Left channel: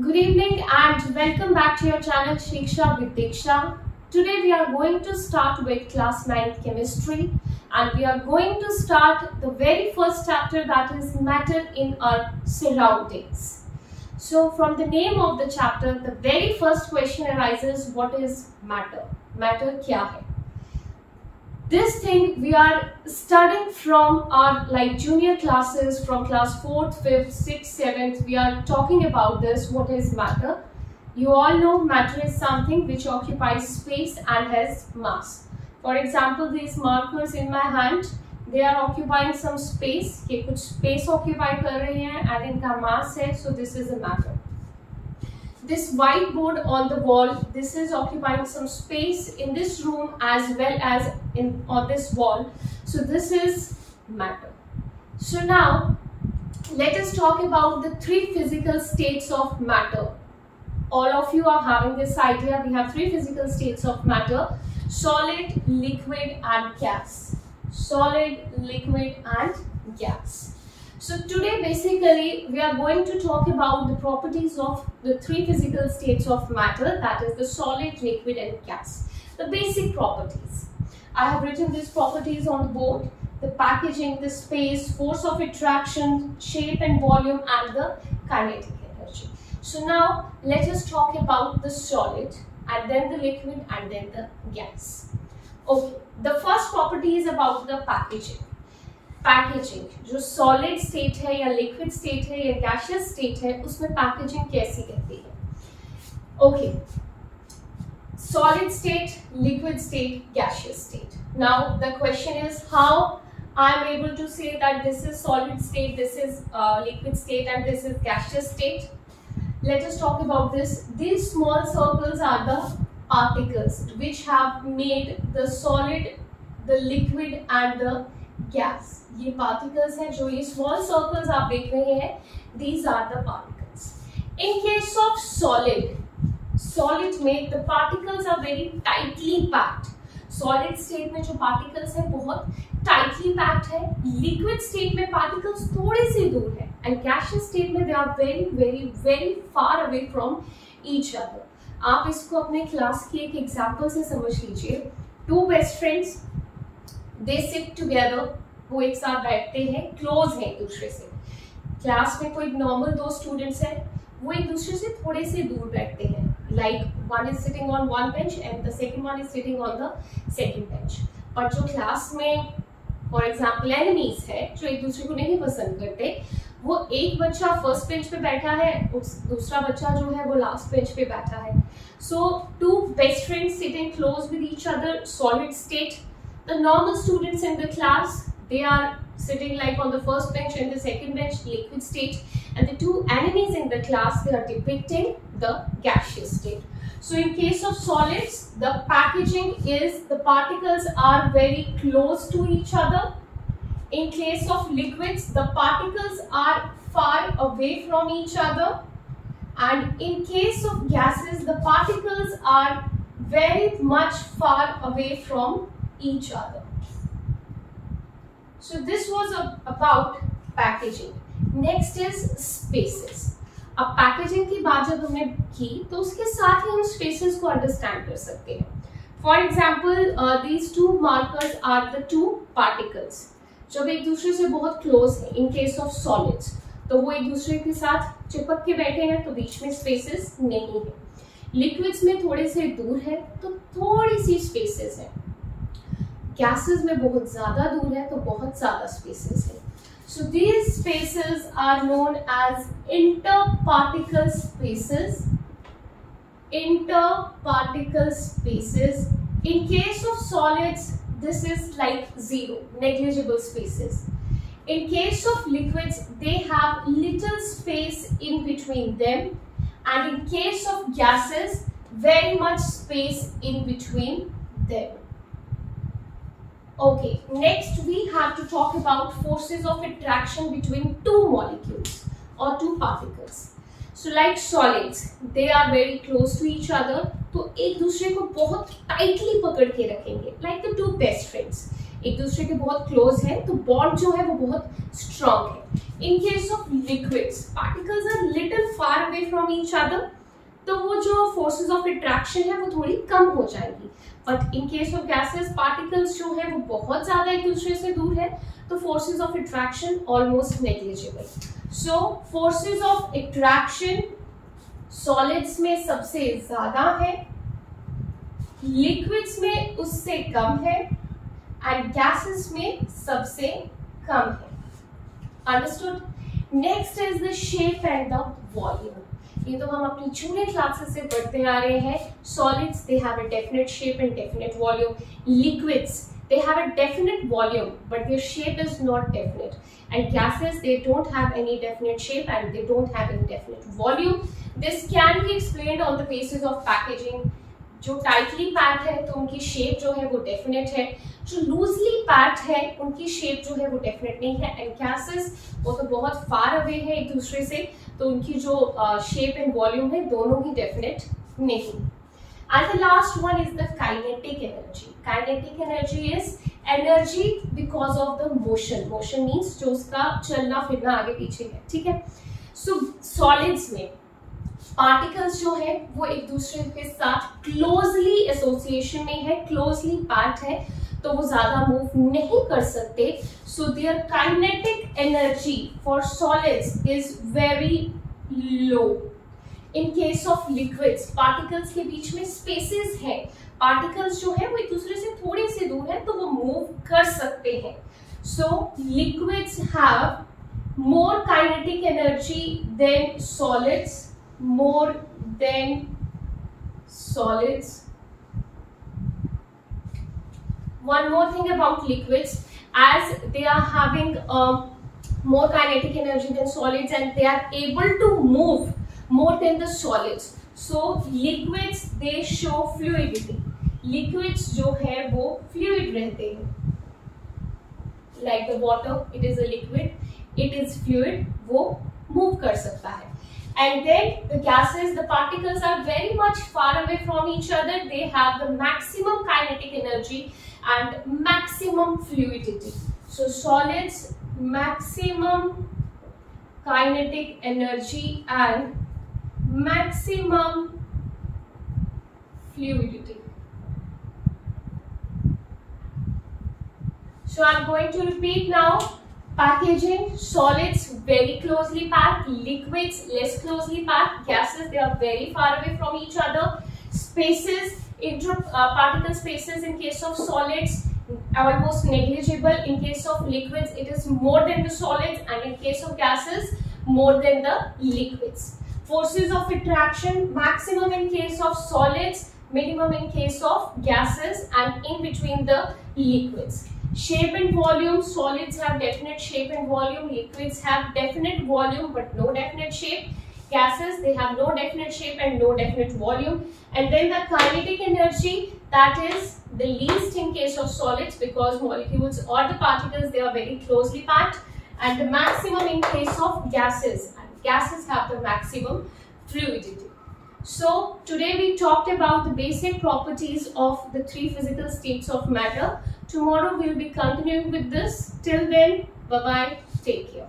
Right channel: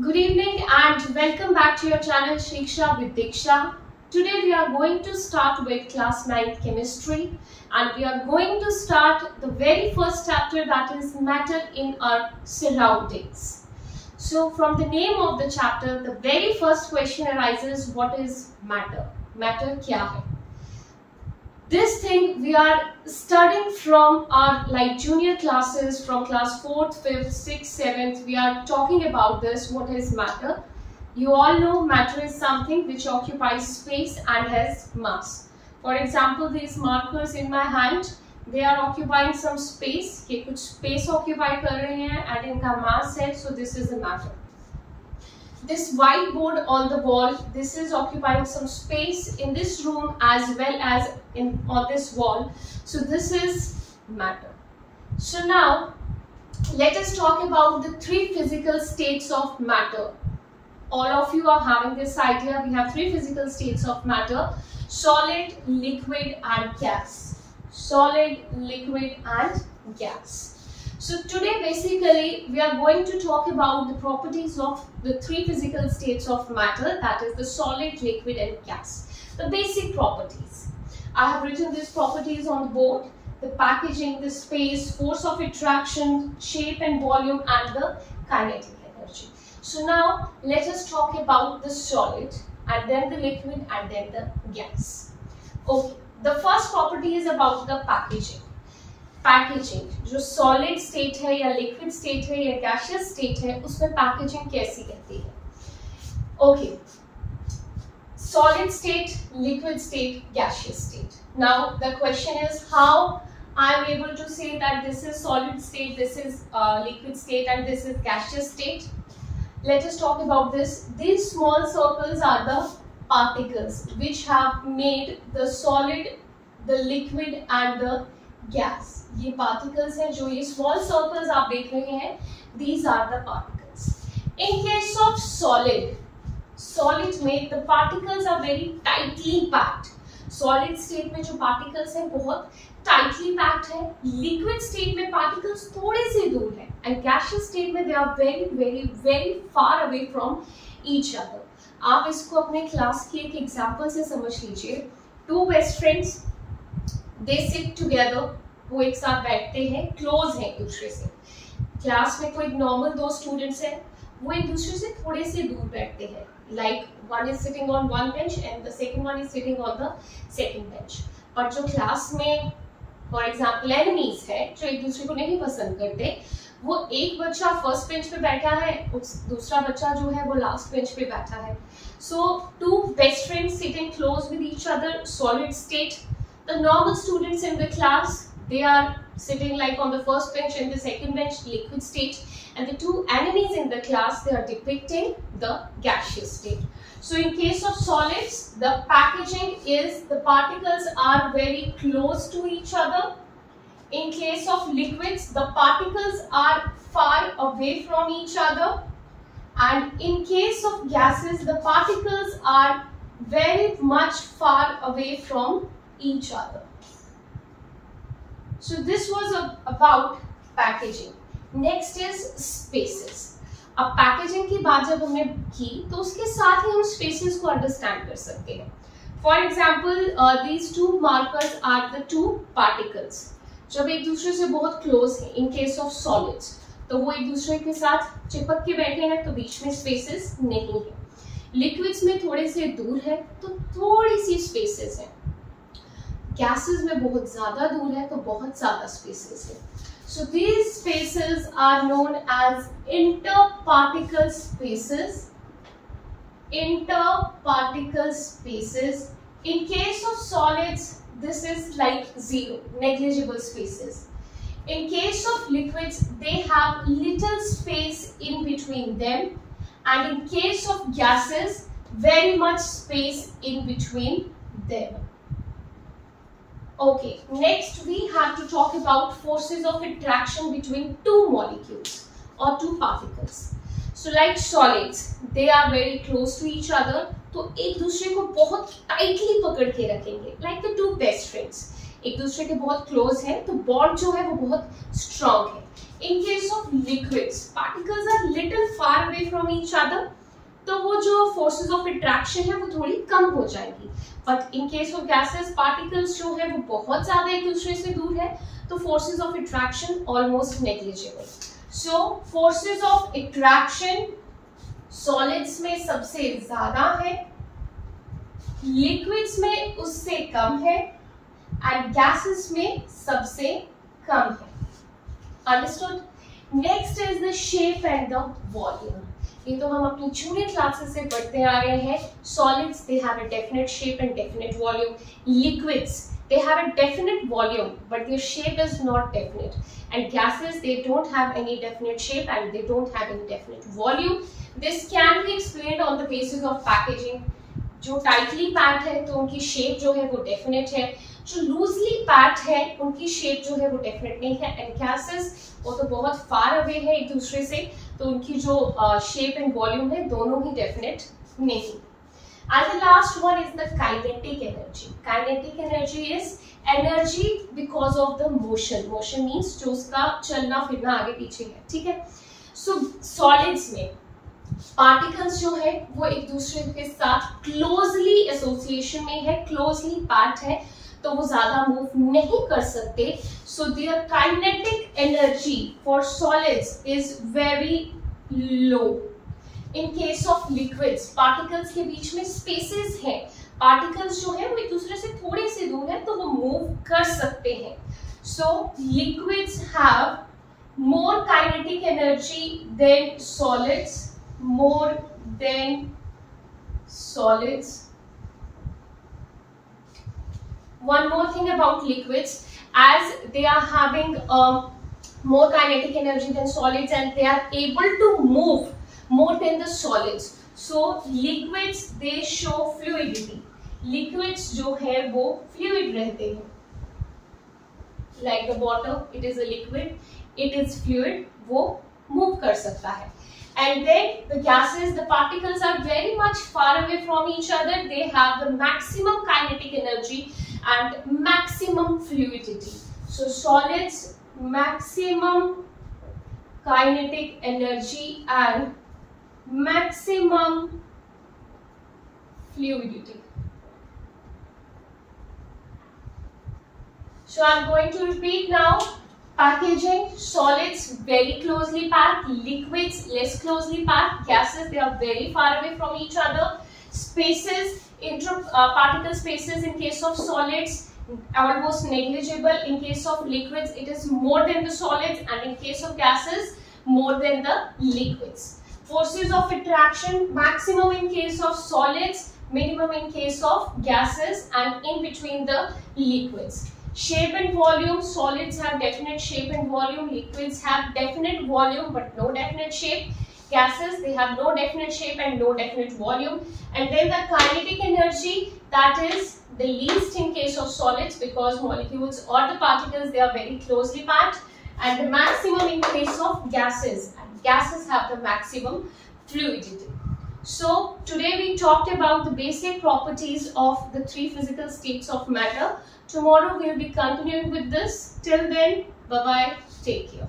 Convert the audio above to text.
Good evening and welcome back to your channel Shiksha with Diksha. Today we are going to start with class 9 chemistry and we are going to start the very first chapter, that is matter in our surroundings. So from the name of the chapter, the very first question arises, what is matter? Matter kya hai? This thing we are studying from our junior classes, from class 4th, 5th, 6th, 7th. We are talking about this, what is matter. You all know matter is something which occupies space and has mass. For example, these markers in my hand, they are occupying some space. ये कुछ space occupy कर रहे हैं and इनका mass है, so this is a matter. This whiteboard on the wall, this is occupying some space in this room as well as on this wall. So this is matter. So now let us talk about the three physical states of matter. All of you are having this idea. We have three physical states of matter: solid, liquid and gas. Solid, liquid and gas. So today basically we are going to talk about the properties of the three physical states of matter, that is the solid, liquid and gas. The basic properties. I have written these properties on the board: the packaging, the space, force of attraction, shape and volume and the kinetic energy. So now let us talk about the solid and then the liquid and then the gas. Okay, the first property is about the packaging. Packaging जो solid state है या liquid state है या gaseous state है, उसमें packaging कैसी रहती है? Okay, solid state, liquid state, gaseous state. Now the question is how I am able to say that this is solid state, this is liquid state and this is gaseous state. Let us talk about this. These small circles are the particles which have made the solid, the liquid and the gas. ये particles हैं, जो ये small circles आप देख रहे हैं, these are the particles. In case of solid में the particles are very tightly packed. Solid state में जो particles हैं बहुत tightly packed है. Liquid state में particles थोड़े से दूर हैं and gaseous state में they are very very very far away from each other. आप इसको अपने क्लास की एक एग्जाम्पल से समझ लीजिए. Two best friends, they sit together, वो एक साथ बैठते हैं, क्लोज हैं एक दूसरे से. क्लास में कोई नॉर्मल दो स्टूडेंट्स हैं, वो एक दूसरे से थोड़े से दूर बैठते हैं. Like one is sitting on one bench and the second one is sitting on the second bench. पर जो क्लास में फॉर एग्जांपल एनिमीज है, जो एक दूसरे को नहीं पसंद करते, वो एक बच्चा फर्स्ट बेंच पे बैठा है, दूसरा बच्चा जो है वो लास्ट बेंच पे बैठा है. So two best friends sitting close with each other, solid state. The normal students in the class, they are sitting like on the first bench and the second bench, liquid state, and the two enemies in the class, they are depicting the gaseous state. So in case of solids, the packaging is the particles are very close to each other. In case of liquids, the particles are far away from each other, and in case of gases, the particles are very much far away from each other. So this was about packaging. Next is spaces. अब packaging की बात जब हमने की तो उसके साथ ही हम spaces को understand कर सकते हैं. For example, these two markers are the two particles. जब एक दूसरे से बहुत close हैं, in case of solids, तो वो एक दूसरे के साथ चिपक के बैठे हैं तो बीच में spaces नहीं है. Liquids में थोड़े से दूर है तो थोड़ी सी spaces है. गैसेस में बहुत ज्यादा दूर है तो बहुत ज्यादा स्पेसेस है. So these spaces are known as interparticle spaces. Interparticle spaces. In case of solids this is like zero, negligible spaces. In case of liquids, they have little space in between them, and in case of gases, very much space in between them. Okay, next we have to talk about forces of attraction between two molecules or two particles. So like solids, they are very close to each other, तो एक दूसरे को बहुत tightly पकड़ के रखेंगे, like the two best friends. एक दूसरे के बहुत क्लोज हैं तो बॉन्ड जो है वो बहुत स्ट्रॉन्ग है. In case of liquids, particles are little far away from each other, तो वो जो forces of attraction है वो थोड़ी कम हो जाएंगी. But in case of gases, particles जो है वो बहुत ज़्यादा एक दूसरे से दूर है, तो forces of attraction almost negligible. So forces of attraction solids में सबसे ज़्यादा है, liquids में उससे कम है, and gases में सबसे कम है. Understood? Next is the shape and the volume. ये तो हम अपनी जूनियर क्लासेस से पढ़ते आ रहे हैं. Solids they have a definite shape and definite volume. Liquids they have a definite volume but their shape is not definite. And gases they don't have any definite shape and they don't have any definite volume. This can be explained on the basis of packaging. जो tightly packed है तो उनकी shape जो है वो definite है, जो loosely packed है उनकी शेप जो है वो डेफिनेट नहीं है. एंड गैसेस वो तो बहुत फार अवे है एक दूसरे से, तो उनकी जो शेप एंड वॉल्यूम है दोनों ही डेफिनेट नहीं. And the last one is the kinetic energy. Kinetic energy is energy because of the motion. Motion means जो उसका चलना फिरना आगे पीछे है. ठीक है. सो सॉलिड्स में पार्टिकल्स जो है वो एक दूसरे के साथ क्लोजली एसोसिएशन में है, क्लोजली पैक्ड है, तो वो ज्यादा मूव नहीं कर सकते. So there kinetic energy for solids is very low. In case of liquids particles के बीच में स्पेसेस हैं, पार्टिकल्स जो है वो एक दूसरे से थोड़े से दूर है तो वो मूव कर सकते हैं. So liquids have more kinetic energy than solids, more than solids. One more thing about liquids, as they are having more kinetic energy than solids and they are able to move more than the solids. So liquids they show fluidity. Liquids जो है वो fluid रहते हैं. Like the water, it is a liquid, it is fluid, वो move कर सकता है. And then the gases, the particles are very much far away from each other. They have the maximum kinetic energy and maximum fluidity. So solids, maximum kinetic energy and maximum fluidity. So I'm going to repeat now. Packaging, solids very closely packed, liquids less closely packed, gases they are very far away from each other. Spaces, inter-particle spaces in case of solids almost negligible. In case of liquids it is more than the solids, and in case of gases more than the liquids. Forces of attraction maximum in case of solids, minimum in case of gases, and in between the liquids. Shape and volume, solids have definite shape and volume, liquids have definite volume but no definite shape, gases they have no definite shape and no definite volume. And then the kinetic energy, that is the least in case of solids because molecules or the particles they are very closely packed, and the maximum in case of gases, and gases have the maximum fluidity. So today we talked about the basic properties of the three physical states of matter. Tomorrow we'll be continuing with this. Till then, bye bye, take care.